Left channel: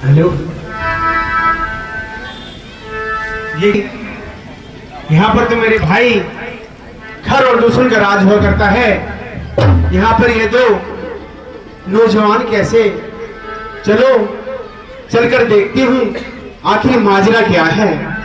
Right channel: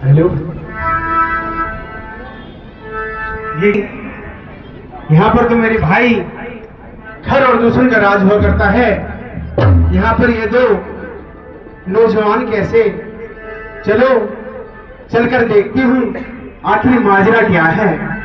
Hello. ये यहाँ पर तो मेरे भाई घर और दुश्मन का राज हुआ करता है। यहाँ पर ये दो नौजवान कैसे? चलो चलकर देखती हूँ आखिर माजरा क्या है।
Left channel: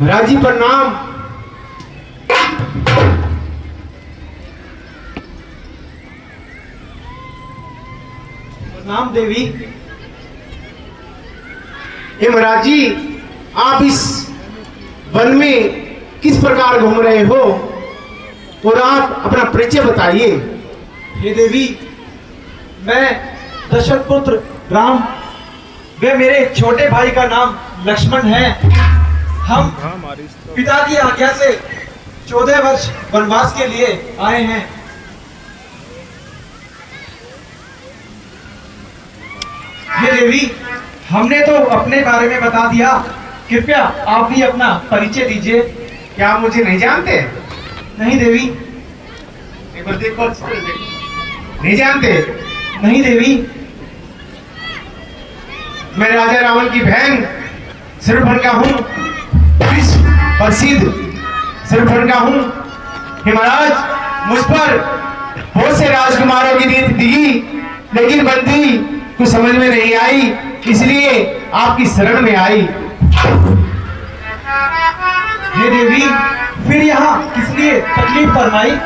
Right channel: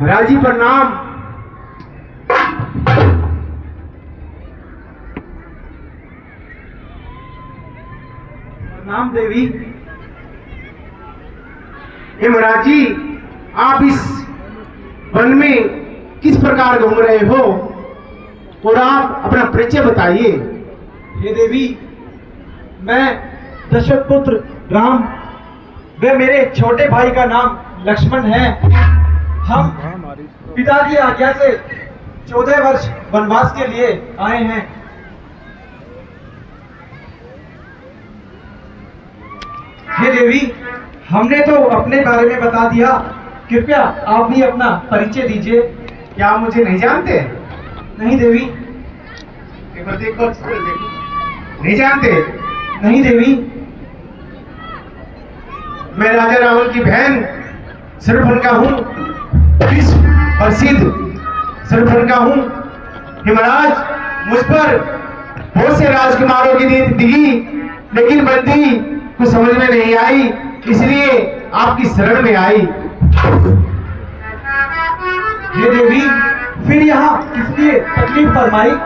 महाराज जी प्रणाम। प्रणाम देवी। हे महाराज जी, आप इस वन में किस प्रकार घूम रहे हो और आप अपना परिचय बताइए। हे देवी, मैं दशरथ पुत्र राम वे मेरे छोटे भाई का नाम लक्ष्मण है। हम पिता की आज्ञा से 14 वर्ष वनवास के लिए आए हैं। हे देवी, हमने तो अपने बारे में बता दिया, कृपया आप भी अपना परिचय दीजिए। क्या आप मुझे नहीं जानते? नहीं देवी। एक बार देखो, नहीं जानते? नहीं देवी। मैं राजा रावण की बहन शूर्पणखा हूँ, विश्व प्रसिद्ध शूर्पणखा हूँ। महाराज, मुझ पर बहुत से राजकुमारों की नीति दी, लेकिन बंदी कुछ समझ में नहीं आई, इसलिए आपकी शरण में आई। हे देवी, फिर यहाँ किस लिए तकलीफ फरमाई?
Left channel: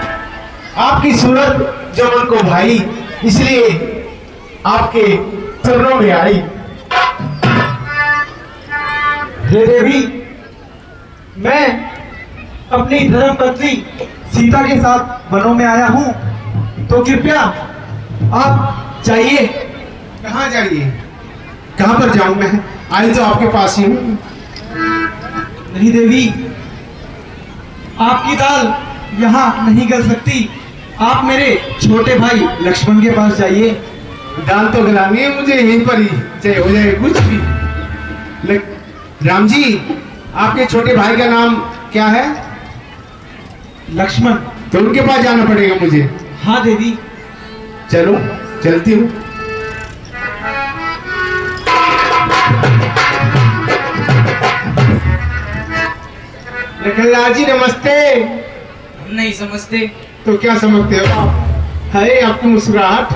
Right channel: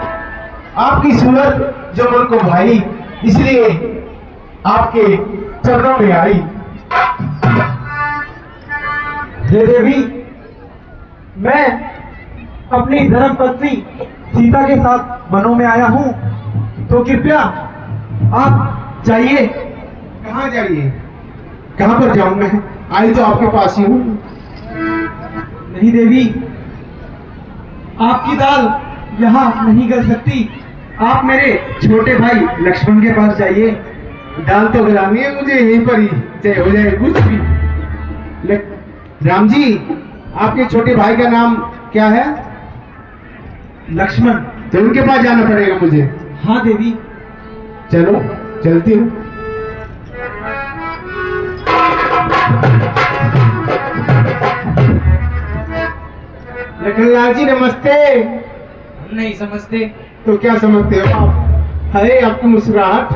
आपकी सूरत जो मन को भाई, इसलिए आपके चरणों में आई। हे देवी, मैं अपनी धर्म पत्नी सीता के साथ वनों में आया हूँ, तो कृपया आप जाइए। कहाँ जाइए? कहाँ पर जाऊं मैं? आई तो आपके पास ही हूँ। नहीं देवी, आपकी दाल यहाँ नहीं गल सकती। आप मेरे छोटे भाई लक्ष्मण के पास जाइए। दाल तो गलानी है मुझे यहीं पर ही, चाहे हो जाए कुछ भी। राम जी, आपके छोटे भाई का नाम क्या है? लक्ष्मण। तो उनके पास जाना पड़ेगा मुझे। हाँ देवी। चलो चलती हूँ। लखनलाल जी नमस्ते। हम नहीं समझते तो क्या समझते हो? है आपकी मुस्कुराहट,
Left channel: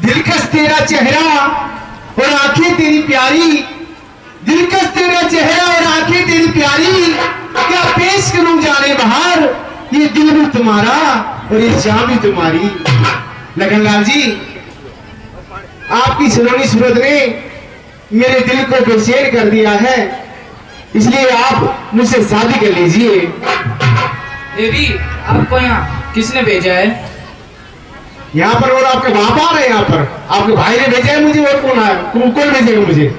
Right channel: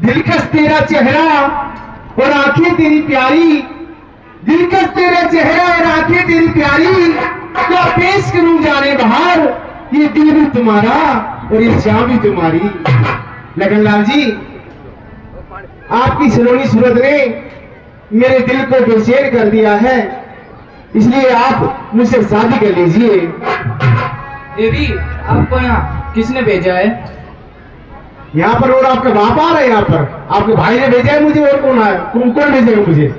दिलकश तेरा चेहरा और आंखें तेरी प्यारी, दिलकश तेरा चेहरा और आंखें तेरी प्यारी, क्या पेश करूं जाने बाहर, ये दिल भी तुम्हारा और ये जान भी तुम्हारी। लखनलाल जी, आपकी सलोनी सूरत ने मेरे दिल को बेचैन कर दिया है, इसलिए आप मुझसे शादी कर लीजिए। देवी, आपको यहाँ किसने भेजा है? यहाँ पर और आपका बाप आ रहा है? यहाँ पर आपके भाई ने भेजा है मुझे, और कौन आया? कौन भेजेगा मुझे?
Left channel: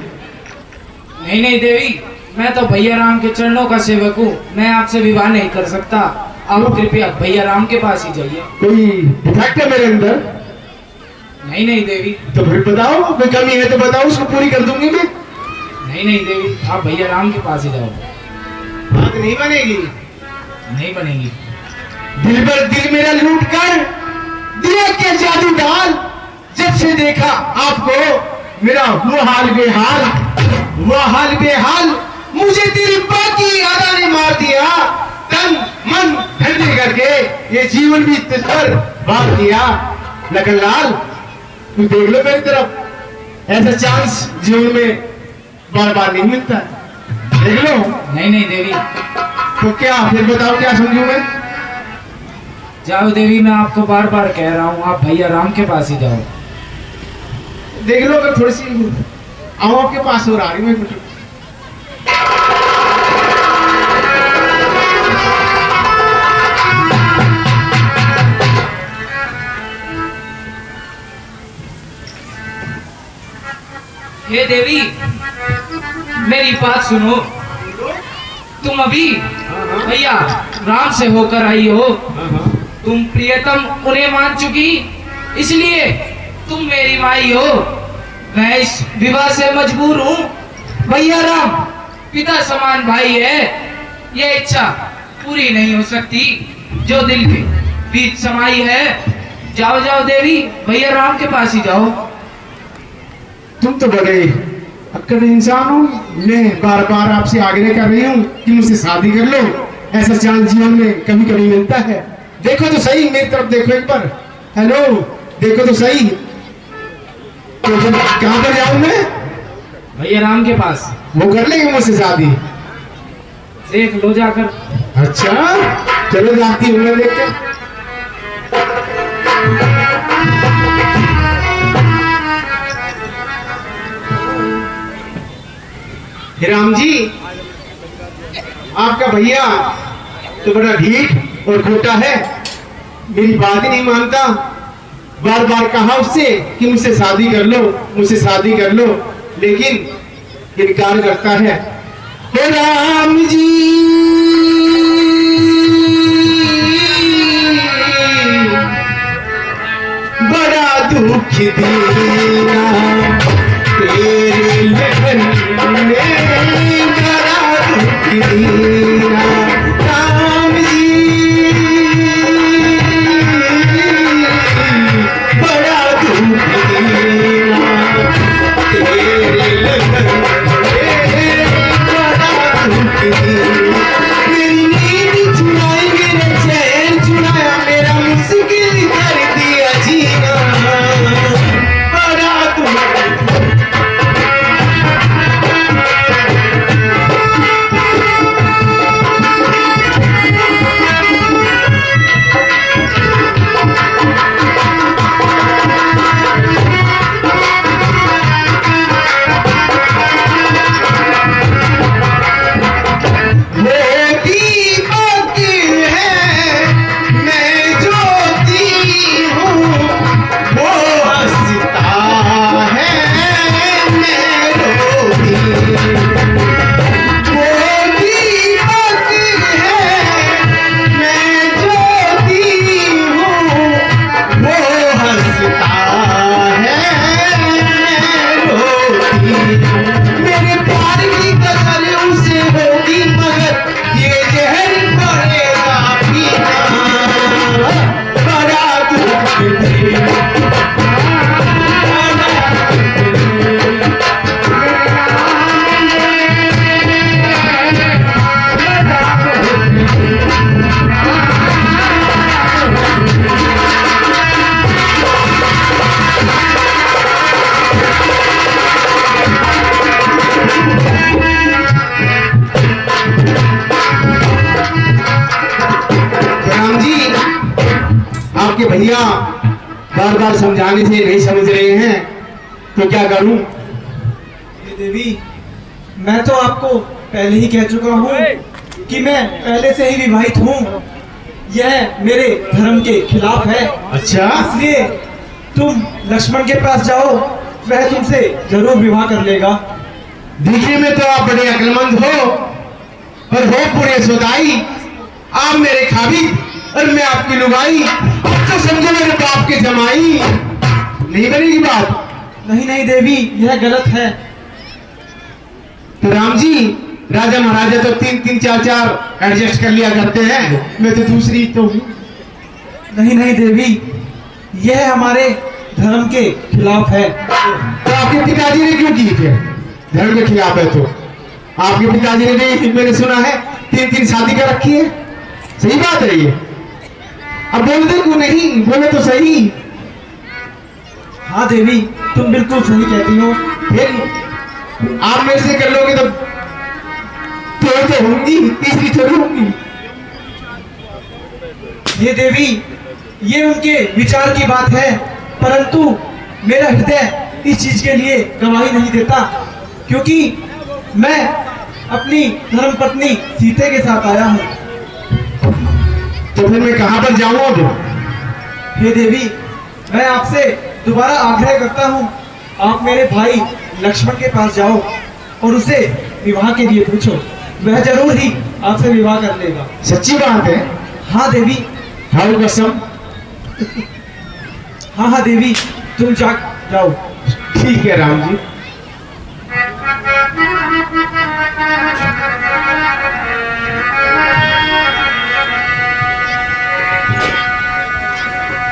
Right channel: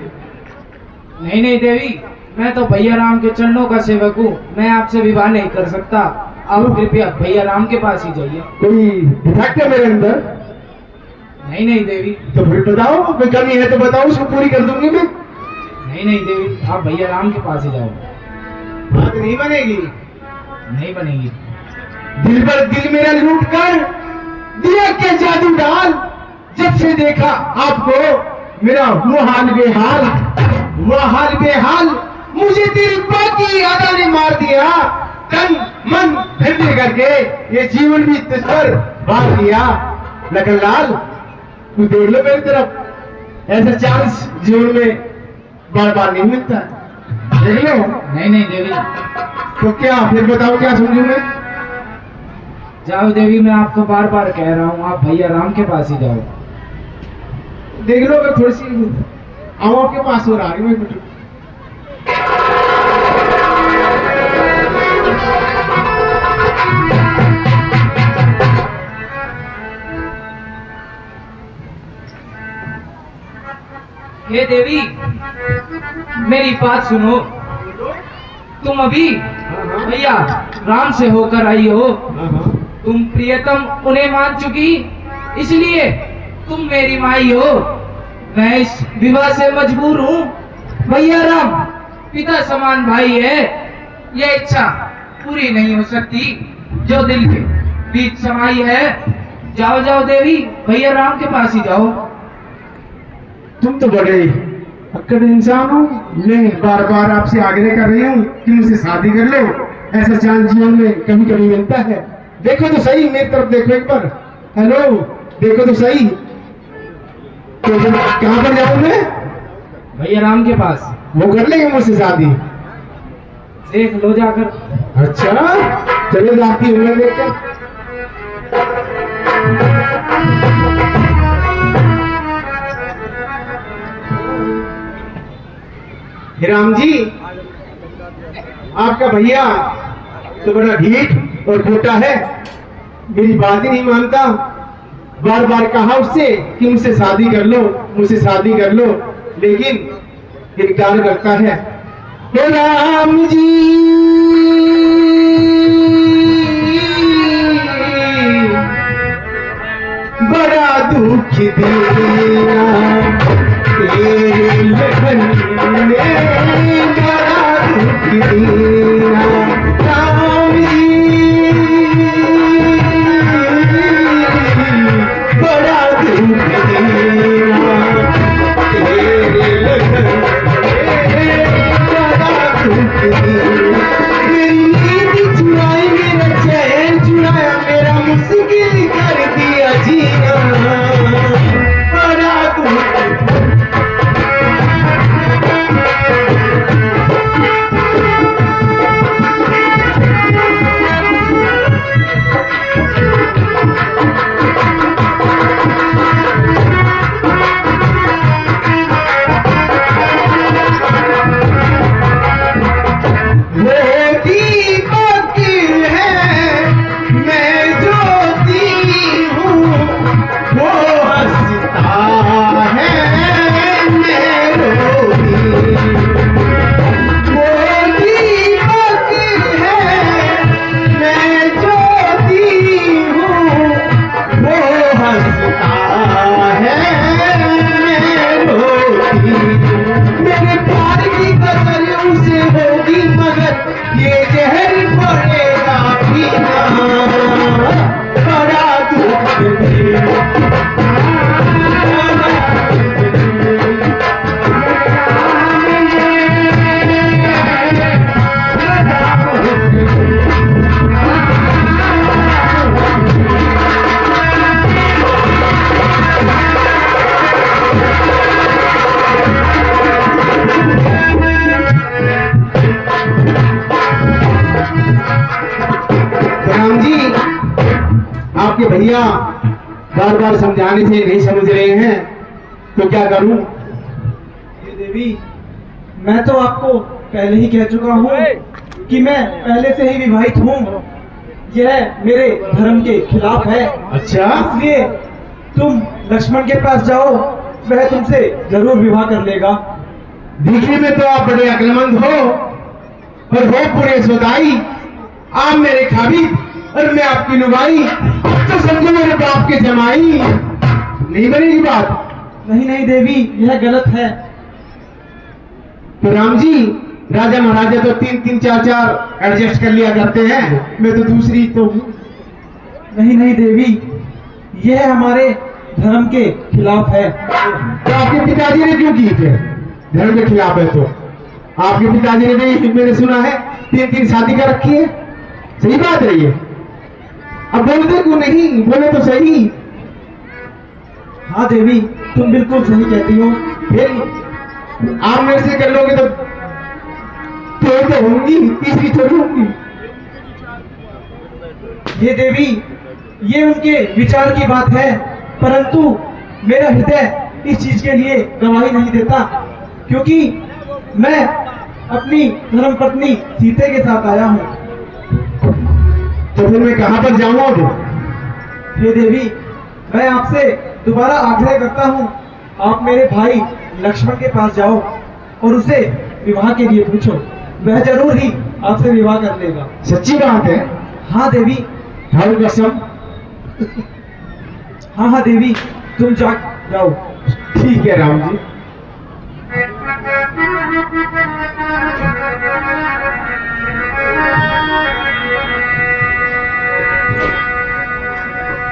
नहीं नहीं देवी, मैं तो भैया राम के चरणों का सेवक हूँ, मैं आपसे विवाह नहीं कर सकता। आप कृपया भैया राम के पास ही जाइए। कोई डिफेक्ट है मेरे अंदर? नहीं नहीं देवी। तो फिर बताओ, कोई कमी है तो बताओ, उसको पूरी कर दूंगी मैं। नहीं नहीं देवी, आप भैया राम के पास ही जाओ। बात नहीं बनेगी। नहीं बनेगी। दिल पर दिल मेरा लूट कर दिया क्या जादू डाल, जब से देखा आपको मेरा वो हाल बेहाल, वो हाल बेहाल, मुझे तेरी बाकी यादा ने मार दिया, तन मन ठंडे करके ये जीवन भी तुझ पर वार दिया। लखनलाल, तू देख लो मेरी तरफ, ऐसा चांस जीवन में बार बार नहीं मिलता है, देख लो। नहीं नहीं देवी। तो क्या फिर बताओ, क्या समझू मैं? जाओ देवी, मैं आपको बार बार कह रहा हूँ, आप भैया राम के पास ही जाओ। देख लो, मैं थोड़ी सी आओ आपके पास और आ रही हूँ। हे देवी, मेरी बात सुनो। तुम अभी भैया राम से होकर आई हो, तुम प्रियतम उन्हें मान चुकी, इसलिए तुम मेरी माई हो। मैं इस विवाह से मजबूर हूँ। भैया राम पिता समान भाई है, यह इच्छा पूरी नहीं हो सकती जो दिल के बीच समाई है। जाओ जाओ देवी, भैया राम के पास ही जाओ। तुम तो बड़े अक्कड़ इंसान हो। मैं बार बार आपसे आग्रह कर रही हूँ कि मुझसे शादी कर लो। ऐसा चांस जीवन में कभी कभी मिलता है। देखो तो सही, मेरी तरफ देखो एक बार। हेलो, देखो तो सही। तो जब कहाँ पर जाऊँ मैं? भैया राम के पास। वो कर लेंगे मुझसे शादी? देख लो जाकर। अच्छा, चलो जाती हूँ मैं देख कर। हे राम जी, आपका भैया तो बड़ा ढीठ और खोटा है, मेरी बात ही नहीं मानता। बार बार कहा उससे कि मुझसे शादी कर लो, मुझसे शादी कर लो, लेकिन इनकार करता है। हे राम जी, बड़ा दुख दिया तेरी लगन में, बड़ा दुख दिया राम जी, बड़ा दुख दिया तेरी लगन में, बड़ा दुख दिया। मेरी नींद चुराई, मेरा चैन चुराया, मेरा मुश्किल कर दिया जीना, बड़ा दुख। आपके भैया बार बार समझाने से नहीं समझ रहे हैं, तो क्या करूं? ये देवी, मैं तो आपको पहले ही कह चुका हूँ कि मैं पहले से ही विवाहित हूँ। यह मेरे धर्म के खिलाफ है। अच्छा, इसलिए तुम लक्ष्मण के पास जाओ, वह तुमसे जरूर विवाह कर लेगा। दिखने में तो आप बड़े अक्लमंद हो, पर हो पूरे सुदाई। आप मेरे खाबिब और मैं आपकी लुगाई, तो समझो मेरे बाप के जमाई। नहीं बनेगी बात? नहीं नहीं देवी, यह गलत है। तो राम जी, राजा महाराजा तो 3-3 4-4 एडजस्ट कर लिया करते हैं, मैं तो दूसरी तो हूँ। नहीं नहीं देवी, यह हमारे धर्म के खिलाफ है। तो आपके पिताजी ने क्यों की थे? धर्म के खिलाफ है तो आपके पिताजी ने भी, मैंने सुना है, 3-3 शादी कर रखी है। सही बात है ये? अब बोलते क्यों नहीं? बोले तो सही। हाँ देवी, तुम बिल्कुल सही कहती हो। फिर आप मेरे से कर लोगे तो होंगी, तीसरी थोड़ी होंगी। ये देवी, ये उनके विचार की बात है, परंतु मेरा हृदय इस चीज के लिए गवाही नहीं देता, क्योंकि मैं अपनी धर्म पत्नी सीता के साथ आया हूँ। तो फिर मैं कहाँ पर जाऊँ अब? हे देवी, मैं आपसे दोबारा आग्रह करता हूँ, आप मेरे भाई लक्ष्मण के पास जाओ और उसे विवाह के लिए पूछो, वह जरूर ही आपसे विवाह कर लेगा। सच्ची बात है? हाँ देवी। हाँ कसम? हाँ हाँ देवी, तुम जाओ। ठीक है राम जी।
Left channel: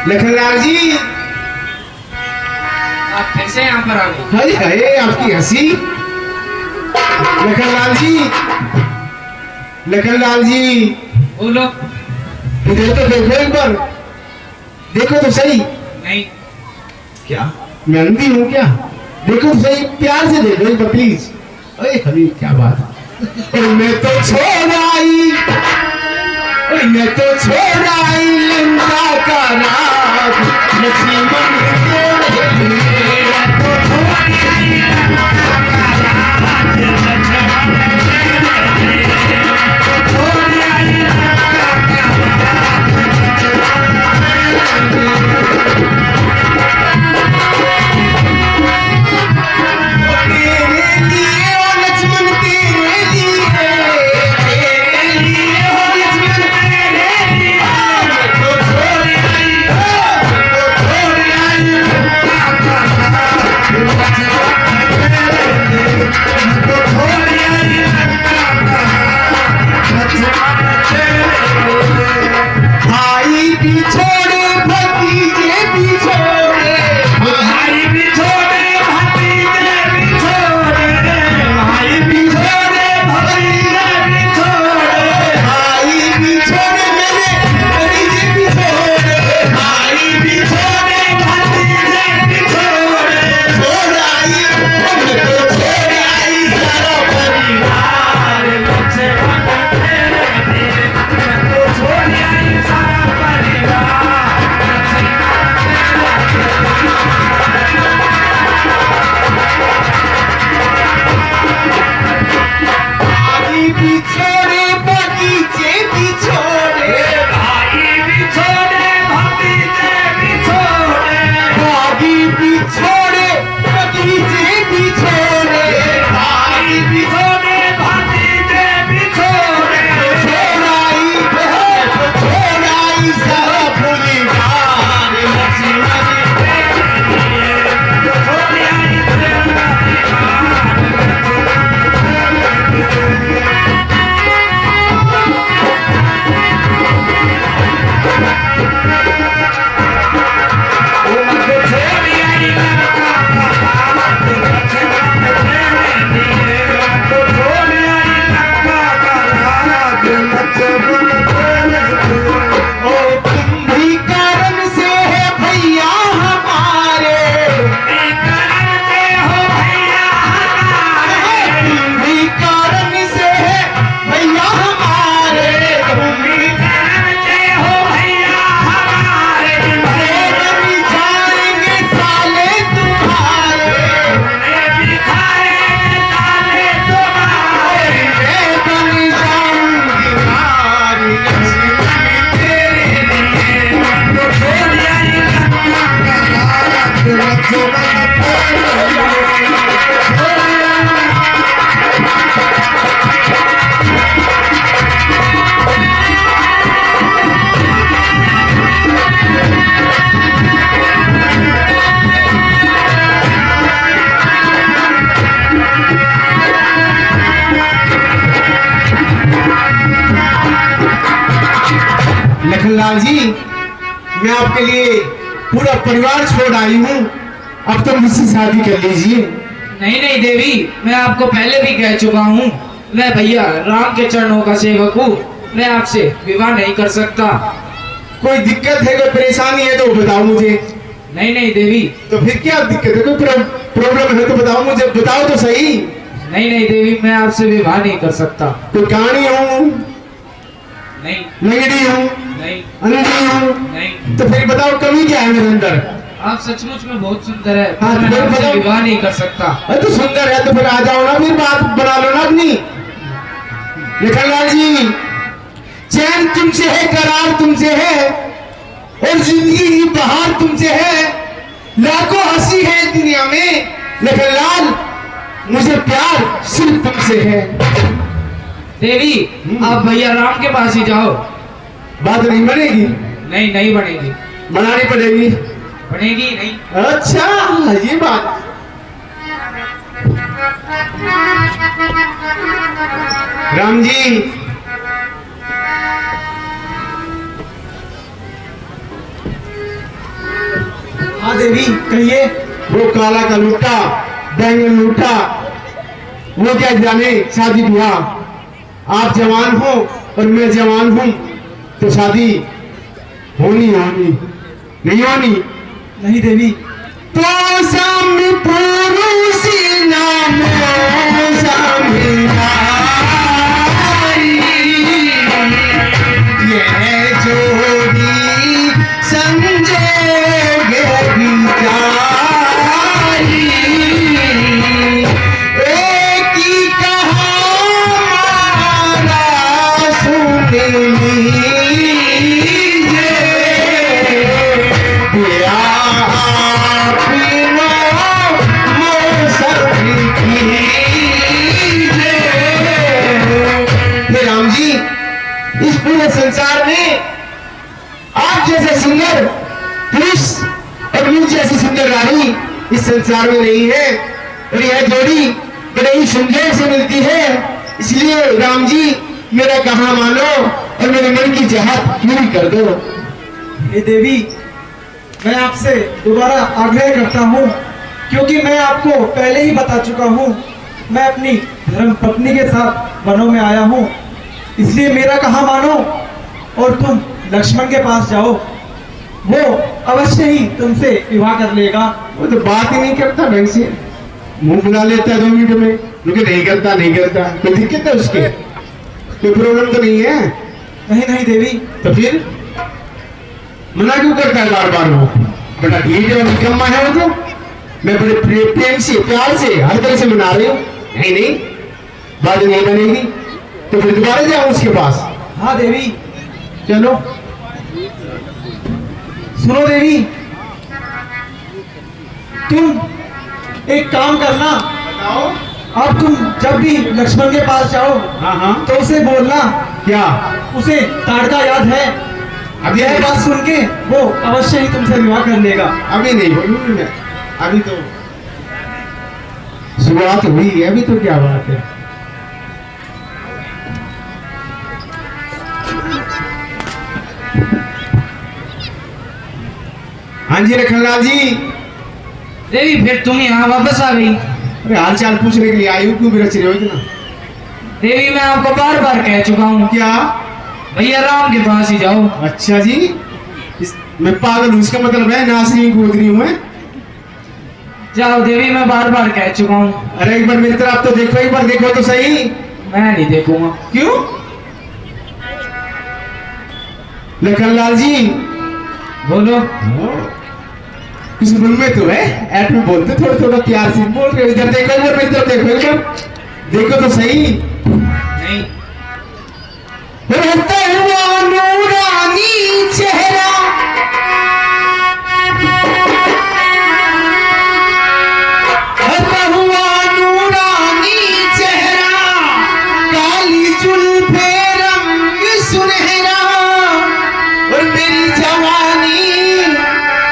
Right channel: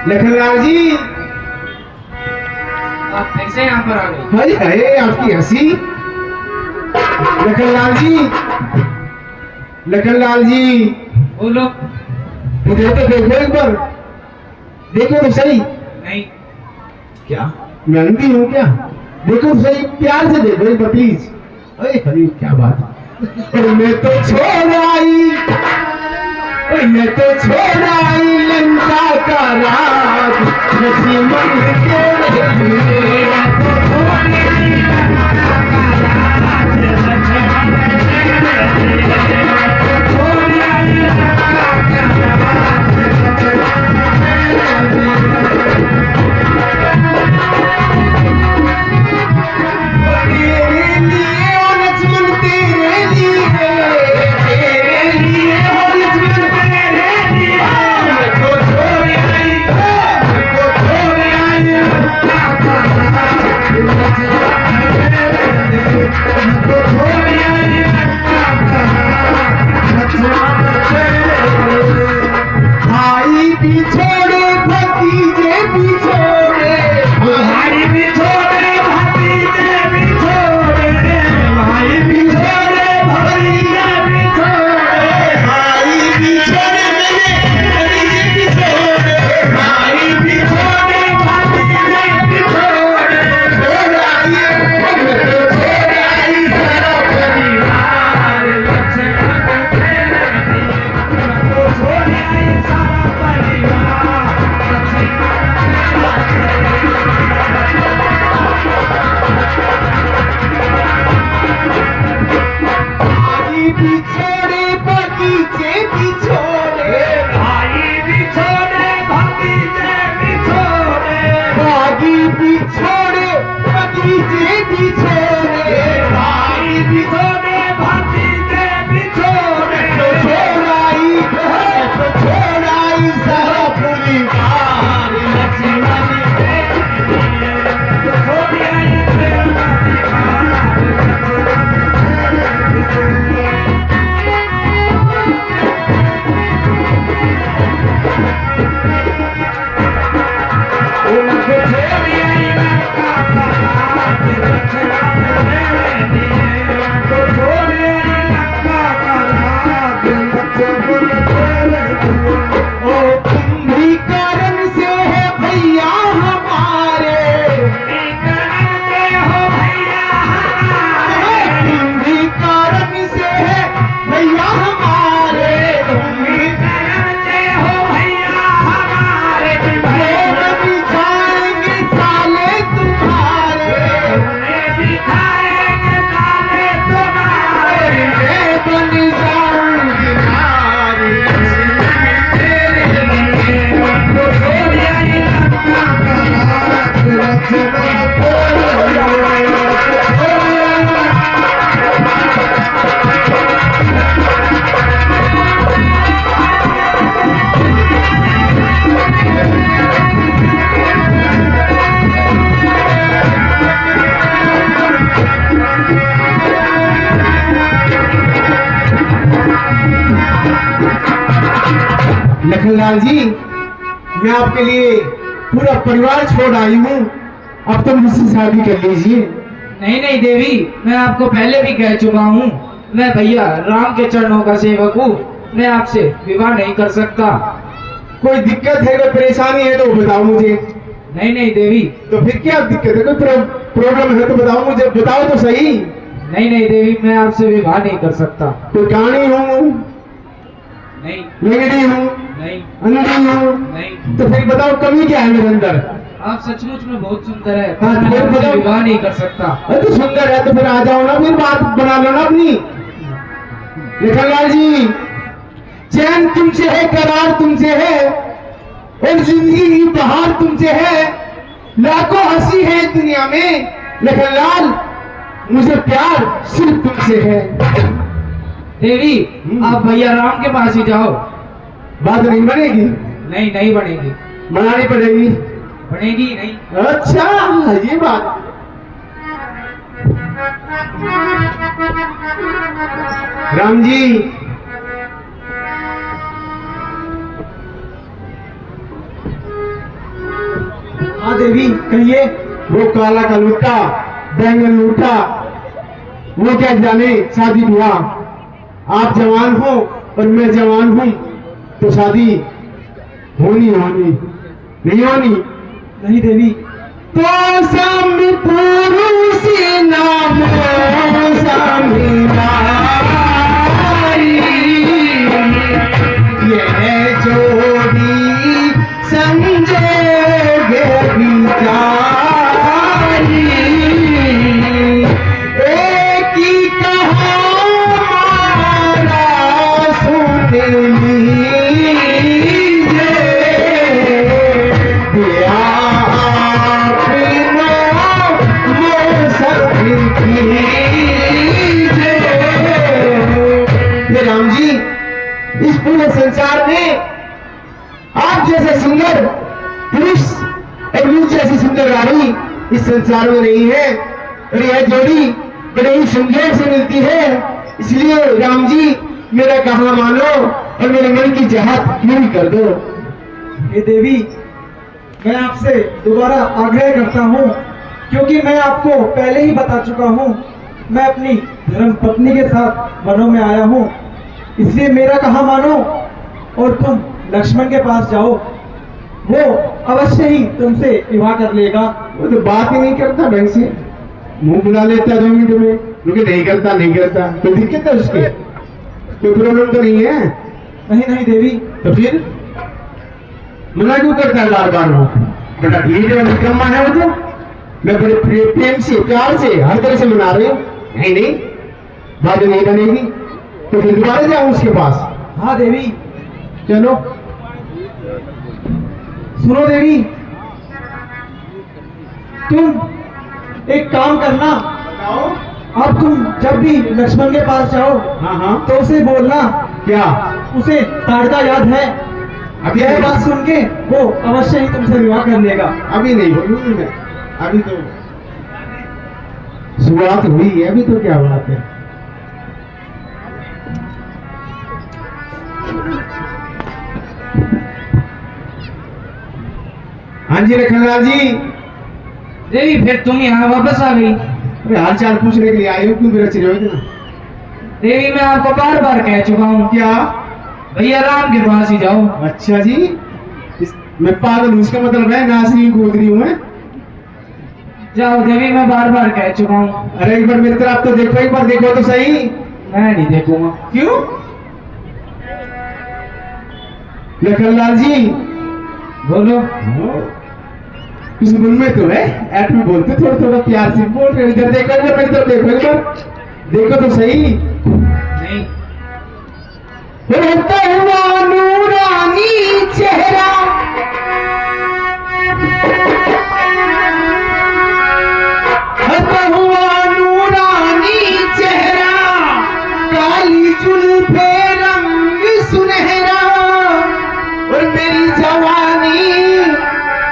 लखनलाल जी, आप फिर से यहाँ पर आ गए। हाय हाय आपकी हंसी। लखनलाल जी, लखनलाल जी, बोलो। इधर तो देखो एक बार, देखो तो सही। नहीं, क्या मैं अंधी हूँ क्या? देखो तो सही, प्यार से देखो एक बार प्लीज। अरे हबीब क्या बात है। मैं तो छोड़ आई, मैं तो छोड़ आई लिंदा का राग, लक्ष्मण के लिए तो छोड़ आई। भाई भी छोड़े भतीजे भी छोड़े, भाई भी छोड़े भतीजे भी छोड़े, भाई भी छोड़े भतीजे भी छोड़े, भाई भी छोड़े मेरे भतीजे भी छोड़े, भाई भी छोड़े भतीजे भी छोड़े। छोड़ आई, छोड़ आई सारा परिवार, छोड़ आई सारा परिवार। भाई भी छोड़े भतीजे भी छोड़े, भाई भी छोड़े भतीजे भी छोड़े, भाई भी छोड़े भतीजे भी छोड़े, भाई भी छोड़े भतीजे भी छोड़े। छोड़ आई, छोड़ आई सारा परिवार, लक्ष्मण के लिए छोड़ आई सारा लखनलाल जी, मैं आपके लिए पूरा परिवार छोड़ आई हूँ, अब तो मुझसे शादी कर लीजिए। नहीं नहीं देवी, मैं आपको पहले भी कह चुका हूँ, मैं भैया राम के चरणों का सेवक हूँ, मैं आपसे विवाह नहीं कर सकता। कोई दिक्कत है, कोई परेशानी है तो बताओ मुझे। नहीं नहीं देवी। तो फिर क्या दिक्कत है, कोई प्रॉब्लम है तो बताओ मुझे, बताओ तो सही। नहीं नहीं देवी, मैं आपसे विवाह नहीं कर सकता। तो कानी हूँ, नहीं लंगड़ी हूँ, नहीं अंधी हूँ, नहीं। तो फिर बताओ कमी क्या है मेरे अंदर? आप सचमुच में बहुत सुंदर है, हाँ, मैं तो आपसे बताओ। विवाह नहीं कर सकता। अरे तो सुंदर है तो फिर आ जाओ ना, फिर बात बना लो ना अपनी। लखनलाल जी, चैन तुमसे है, करार तुमसे है, और जिंदगी की बहार तुमसे है, लाखों हंसी है इस दुनिया में। लखनलाल, मुझे प्यार सिर्फ तुमसे है। देवी, आप भैया राम के पास ही जाओ। बात नहीं बनेगी? नहीं नहीं बनेगी। बनानी पड़ेगी। बनेगी नहीं। अच्छा, ये बात। राम जी, देवी कहिए। वो काला का लूटा, बैंगन लूटा, वो क्या जाने शादी ब्याह। आप जवान हो और मैं जवान हूं तो शादी होनी नहीं होनी। नहीं देवी। तो सामने पुरुष नाम सामने नारी, ये जोड़ी संजोगे बिचारी। एक ही कहानी सुन लीजिए, राम जी, इस पूरे संसार में आप जैसे सुंदर पुरुष और मुझ जैसी सुंदर रानी इस संसार में नहीं है। और यह जोड़ी बड़ी सुंदर से मिलती है। इसलिए राम जी मेरा कहा मानो और मेरे मन की चाहत पूरी कर दो। हे देवी, मैं आपसे दोबारा आग्रह करता हूँ, क्योंकि मैं आपको पहले ही बता चुका हूँ, मैं अपनी धर्म पत्नी के साथ वनों में आया हूँ। इसलिए मेरा कहा मानो और तुम लक्ष्मण के पास जाओ, वो अवश्य ही तुमसे विवाह कर लेगा। वो तो बात ही नहीं करता ढंग से, मुंह बुला लेता 2 मिनट में, क्योंकि नहीं करता कोई दिक्कत है उसके, कोई प्रॉब्लम तो नहीं है। नहीं नहीं देवी। तो फिर मना क्यों करता है बार बार? वो बेटा ठीक है, निकम्मा है वो तो। मैं बड़े प्रेम से प्यार से हर तरह से मना रही हूँ। नहीं बात नहीं बनेगी तो फिर दोबारा जाऊं उसके पास। हाँ देवी। चलो। सुनो देवी, तुम एक काम करना, बताओ। अब तुम जब भी लक्ष्मण के पास जाओ हाँ तो उसे बोलना, क्या? उसे ताड़का याद है। अभी यह बात सुन के वो अवश्य ही तुमसे विवाह कर लेगा। अभी नहीं बोलूंगी मैं, अभी तो शुरुआत हुई है, अभी तो क्या बात है। हाँ जी लखनलाल जी। देवी फिर तुम यहाँ वापस आ गई। अरे हाल चाल पूछने के लिए आई हूँ, क्यों रच रहे हो इतना? देवी मैं आपको बार बार कह चुका हूँ, क्या? भैया राम के पास ही जाओ। अच्छा जी, मैं पागल हूँ इसका मतलब है, नासरी गोदरी हूँ मैं। जाओ देवी, मैं बार बार कह चुका हूँ। अरे एक बार मेरी तरफ तो देखो, एक बार देखो तो सही। मैं नहीं देखूंगा। क्यों? लखनलाल जी बोलो। कुछ मन में तो है, ऐट में बोलते थोड़ा थोड़ा प्यार से बोल रहे। इधर देखो, इधर देखो तो सही। नहीं। रहता हुआ नूरानी चेहरा, रहता हुआ नूरानी चेहरा, काली जुल्फे रंग सुनहरा, और मेरी जवानी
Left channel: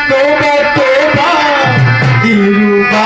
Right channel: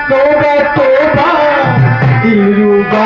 तौबा तौबा दिलरुबा।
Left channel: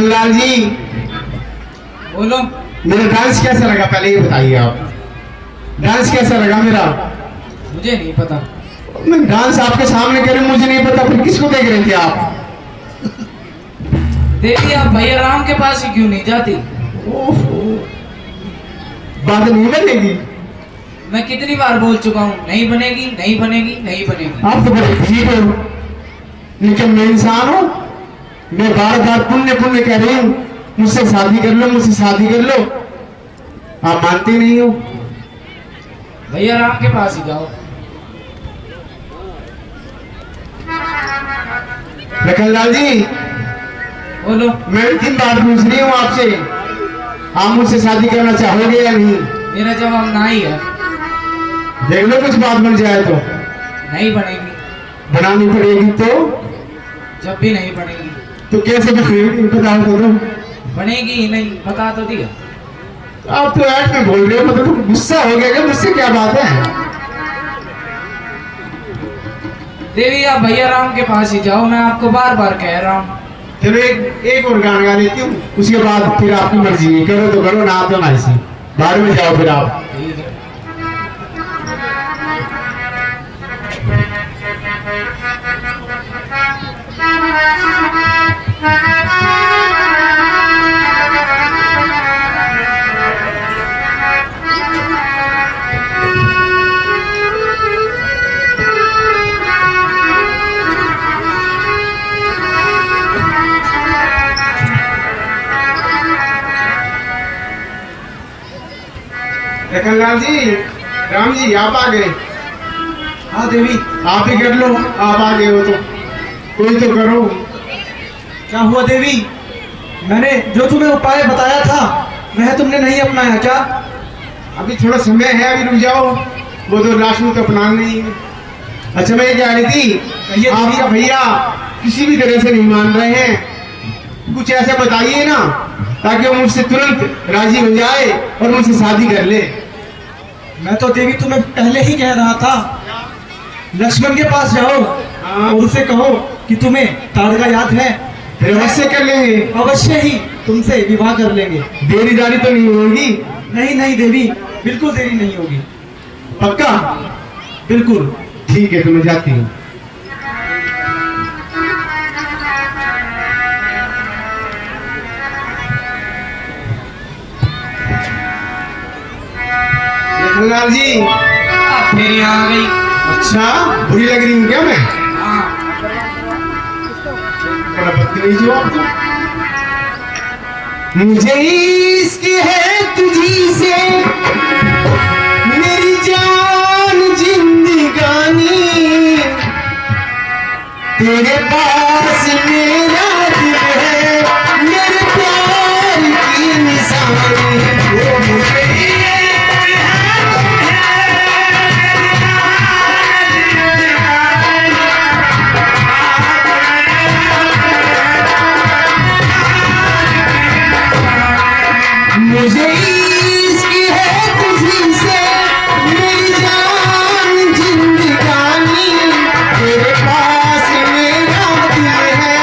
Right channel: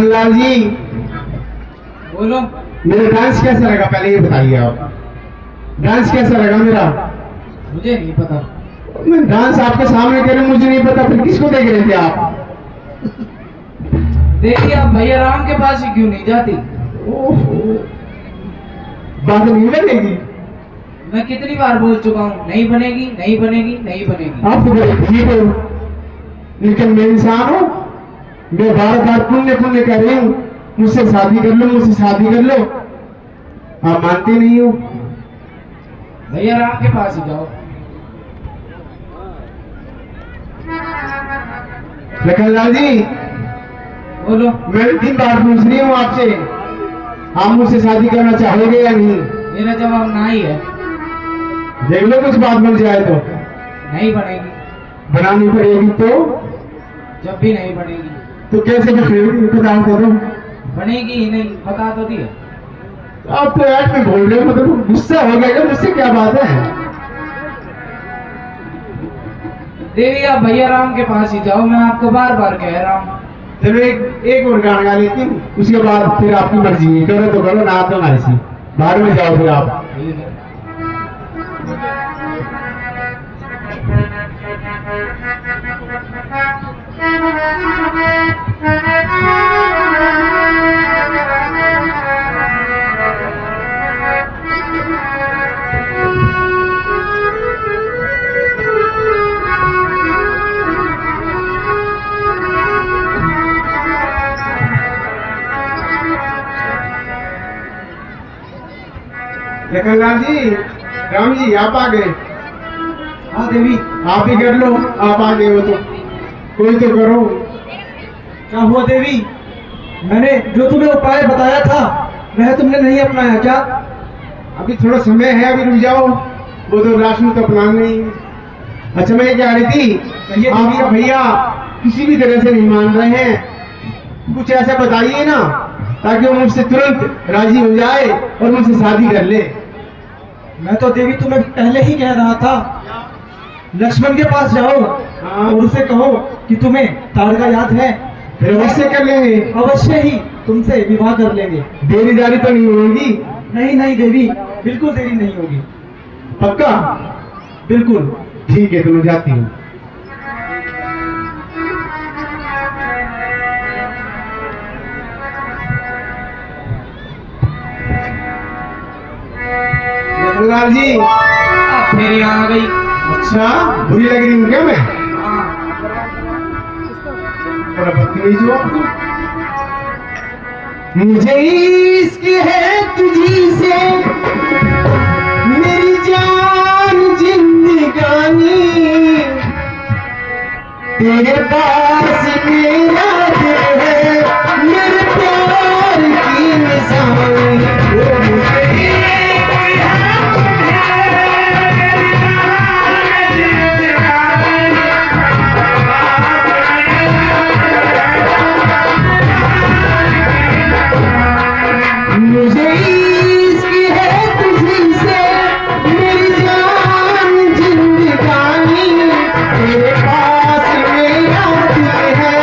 लखनलाल जी, बोलो। मेरा डांस कैसा लगा पहले ये बताइए आप। डांस कैसा लगा मेरा? मुझे नहीं पता। मैं डांस आपके सामने कर रहा हूं, मुझे नहीं पता, फिर किसको देख रहे थे आप? देखिए आप भैया राम के पास ही क्यों नहीं जाती? ओहो, बात नहीं बनेगी। मैं कितनी बार बोल चुका हूँ, नहीं बनेगी, नहीं बनेगी, नहीं बनेगी। आप तो बड़े ठीक हो, लेकिन मैं इंसान हूँ, मैं बार बार पुण्य पुण्य कह रही हूँ, मुझसे शादी कर लो, मुझसे शादी कर लो, आप मानते नहीं हो। भैया राम के पास ही जाओ। लखनलाल जी, बोलो। मैं 3 बार पूछ रही हूँ आपसे, आप मुझसे शादी करना चाहोगे या नहीं? मेरा जवाब ना ही है। देख लो कुछ बात बन जाए तो। नहीं बनेगी। बनानी पड़ेगी तो? जब भी नहीं बनेगी। तो कैसे बनेगी पता आपको? तो बनेगी ही नहीं, बता तो दिया। आप तो ऐड में बोल रहे हो, मतलब तुम गुस्सा हो गया क्या? मुझसे क्या बात है? देवी आप भैया राम के पास ही जाओ, मैं आपको बार बार कह रहा हूँ। चलो एक और गाना गा लेती हूँ, उसके बाद फिर आपकी मर्जी है, करो तो करो, ना तो ना ऐसी। बाद में जाओ फिर आप। ठीक है। लखनलाल जी, राम जी, आप आ गए। हाँ देवी। आप ही कर लो, आप आ गए हो तो कोई तो करो। क्या हुआ देवी? मैंने जो तुम्हें उपाय बताया था वह तुमने नहीं अपनाया क्या? अभी थोड़ा समय है, अभी रुक जाओ, वो तो लास्ट में तो अपना नहीं है। अच्छा मैं ये कह रही थी, ये आपका भैया किसी भी तरह से नहीं मान रहे हैं, कुछ ऐसा बताइए ना ताकि वो मुझसे तुरंत राजी हो जाए और मुझसे शादी कर ले। मैं तो देवी तुम्हें पहले ही कह रहा था, लक्ष्मण के पास जाओ और उसे कहो कि तुम्हें ताड़का याद है, फिर अवश्य कर लेंगे, अवश्य ही तुमसे विवाह कर लेंगे। देरी दारी तो नहीं होगी? नहीं नहीं देवी, बिल्कुल देरी नहीं होगी। पक्का? बिल्कुल। ठीक है, तो मैं जाती हूँ। लखनलाल जी, अब फिर यहाँ आ गई। अच्छा बुरी लग रही हूँ क्या मैं? हाँ। बड़ा बदतमीज हो आप तो। मुझे इश्क है तुझी से मेरी जान जिंदगानी, तेरे पास मेरा दिल है, मेरे प्यार की निशानी। मुझे मुझे इश्क है तुझी से मेरी जान जिंदगानी, तेरे पास मेरा दिल है,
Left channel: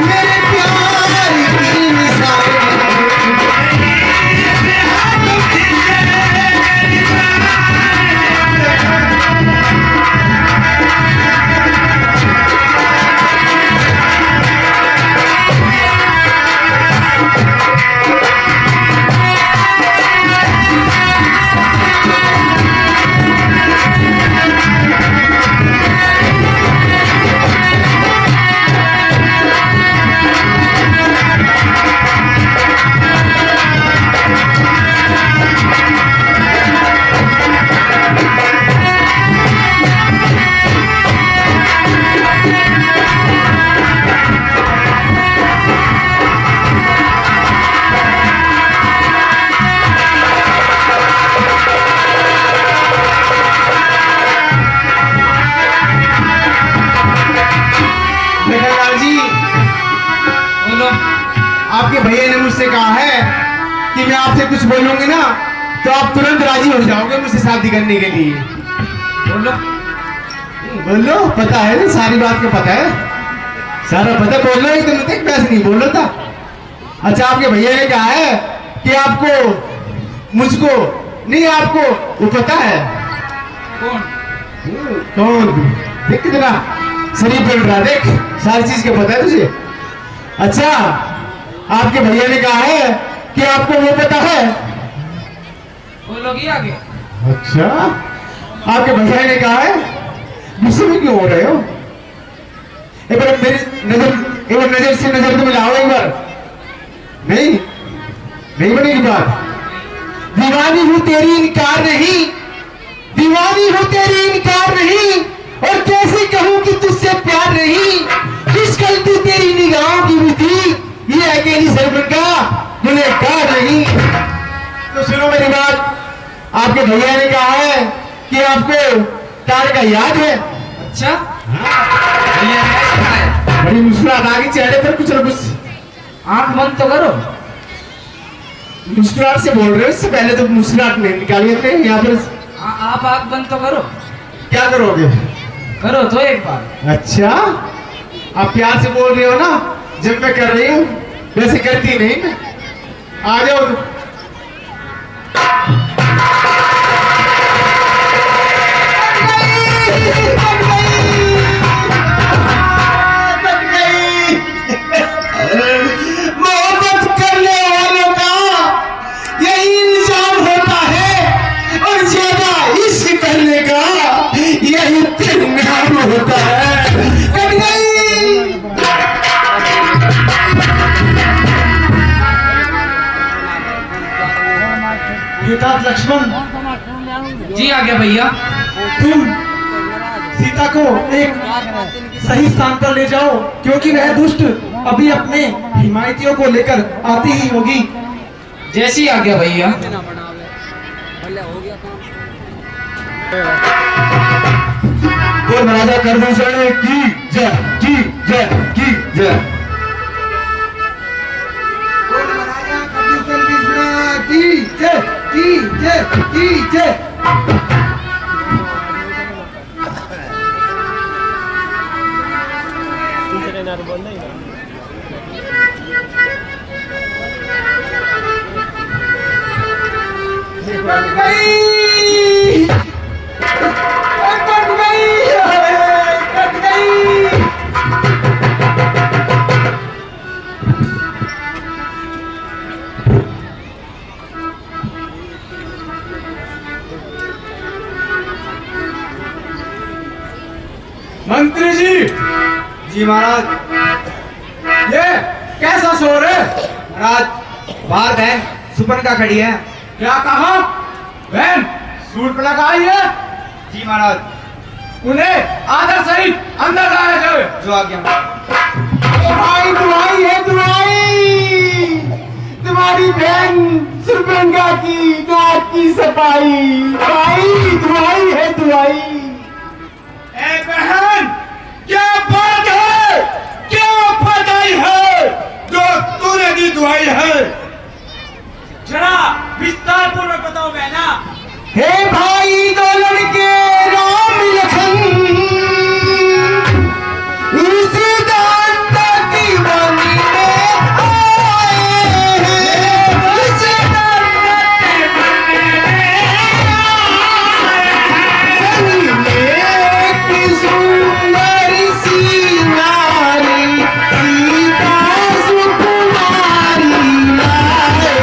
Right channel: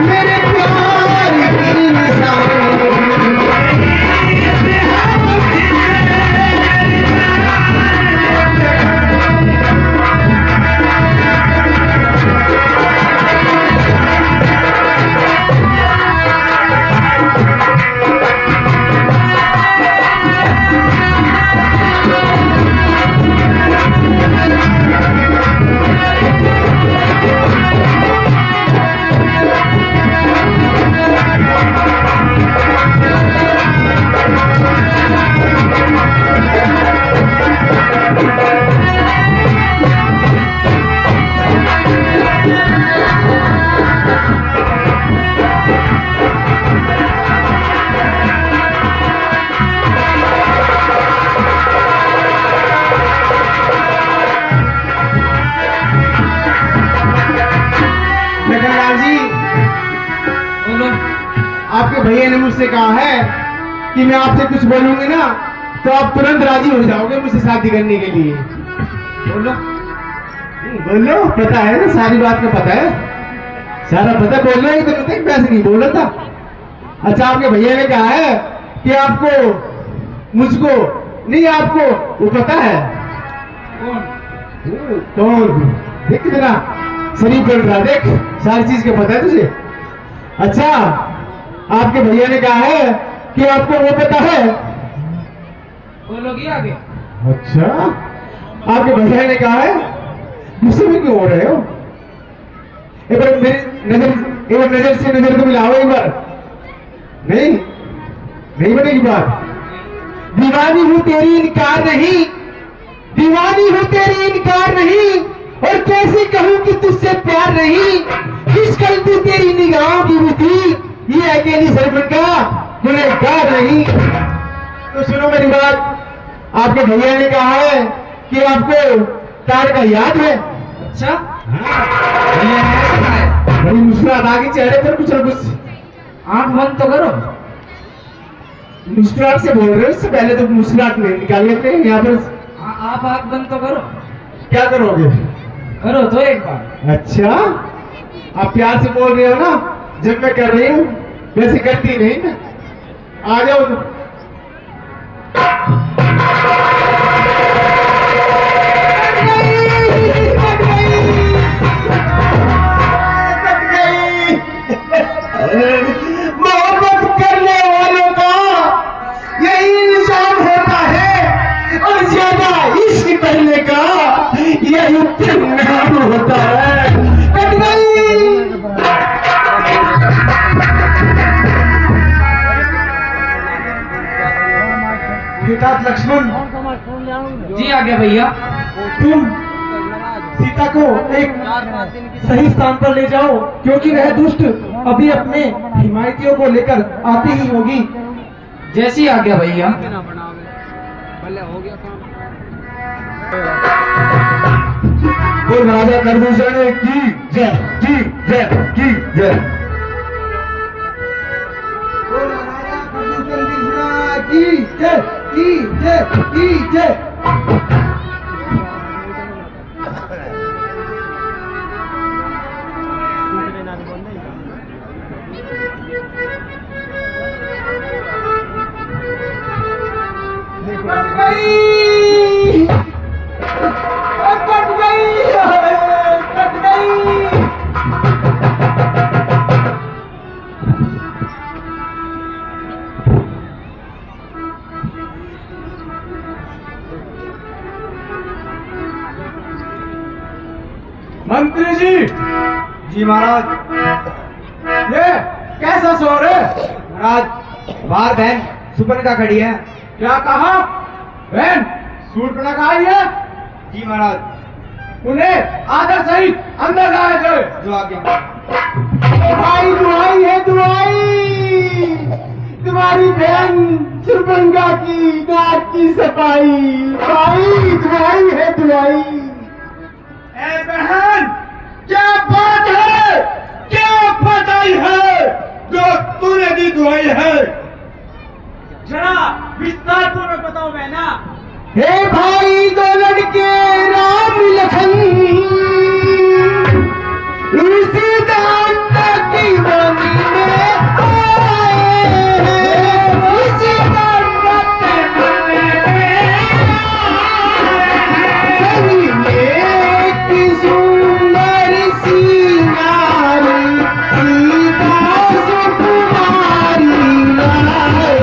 मेरे प्यार की निशानी। लखनलाल जी, बोलो। आपके भैया ने मुझसे कहा है कि मैं आपसे कुछ बोलूंगी ना तो आप तुरंत राजी हो जाओगे मुझसे शादी करने के लिए। बोलो। बोलो, पता है ना, सारी बात को पता है, सारा पता है। बोलना ही तो मैं पैसे नहीं बोल रहा था। अच्छा, आपके भैया ने कहा है कि आपको मुझको नहीं, आपको वो पता है कौन? देख कितना शरीफ बन रहा, देख सारी चीज का पता है तुझे। अच्छा, आपके भैया ने कहा है कि आपको वो पता है। बोलोगी आगे। अच्छा, आपके भैया ने कहा है, गुस्से में क्यों हो रहे हो? एक बार मेरी नजर से नजर तो मिलाओ एक बार। नहीं बनेगी बात। दीवानी हूं तेरी, इनकार नहीं, दीवानी हूं तेरी, इनकार नहीं, और कैसे कहूं कि तुझसे प्यार नहीं। किस कल तू तेरी निगाहों की भी थी, ये अकेली सरपंगा गुनहगार नहीं। तो सुनो मेरी बात, आपके भैया ने कहा है कि आपको कार का याद है। अच्छा, भैया ने ऐसे कहा। बड़ी मुस्कुराहट आ गई चेहरे पर, कुछ ना कुछ। आंख बंद तो करो। मुस्कुराहट से बोल रहे हो, इससे पहले तो मुस्कुराहट नहीं निकालिए थे यहाँ पर। आप आंख बंद तो करो। क्या करोगे? करो तो एक बार। अच्छा, आप प्यार से बोल रहे हो ना, जब मैं कर रही हूँ वैसे करती नहीं मैं। आ जाओ तो। मोहब्बत करने वालों का यही इंतजाम होता है, और ज्यादा इश्क करने का यही परिणाम होता है। कट गई। पिता लक्ष्मण, जी आ गया भैया। तुम सीता को एक सही स्थान पर ले जाओ, क्योंकि वह दुष्ट अभी अपने हिमायतियों को लेकर आती ही होगी। जैसी आ गया भैया। और महाराजा कर्मचारी की जय, की जय, की जय। की जय, की जय, की जय। कट गई, कट गई, कट गई। मंत्री जी। जी महाराज। ये कैसा शोर है? महाराज, बाहर बहन सुपरनखा खड़ी है। क्या कहा? बहन सूट लगाई है? जी महाराज। उन्हें आदर सहित अंदर लाया जाए। जो आ गया। दुआई दुआई है, दुआई तुम्हारी बहन सुरगंगा की नाक की सफाई। दुआई दुआई है, दुआई। ए बहन, क्या बात है? क्या पताई है जो तूने दी दुआई है? जरा विस्तार पूर्वक बताओ बहना। हे भाई, दो लड़के राम लखन उसी दांता की बनी में आए हैं, उसी दांता की बनी में सभी में एक सुंदर सी नारी, सीता सुकुमारी लाए।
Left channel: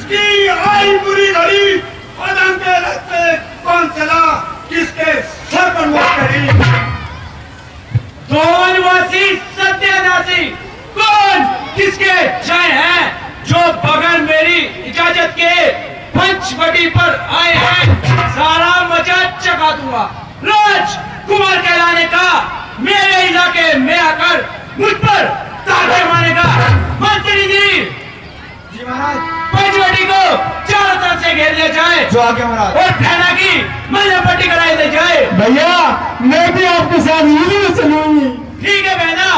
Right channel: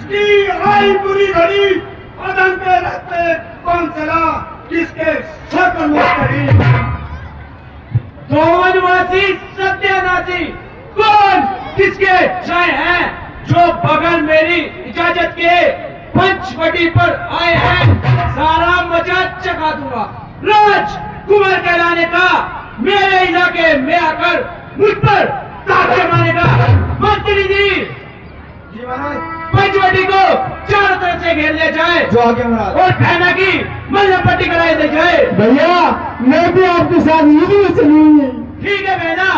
किसकी आई बुरी घड़ी, आदम के रास्ते कौन चला, किसके सर पर मुश्किल, दोनवासी सत्यानाशी कौन किसके जय हैं, जो बगैर मेरी इजाजत के पंचवटी पर आए हैं, सारा मजाक चखा दूंगा। राज कुमार कहलाने का, मेरे इलाके में आकर मुझ पर ताज जमाने का। मंत्री जी, जी महाराज। पंचवटी को चारों तरफ से घेर लिया जाए जो आगे महाराज। और फैला की मजहब पट्टी कराई दी जाए। भैया मैं भी आपके साथ यही चलूंगी। ठीक है बहना।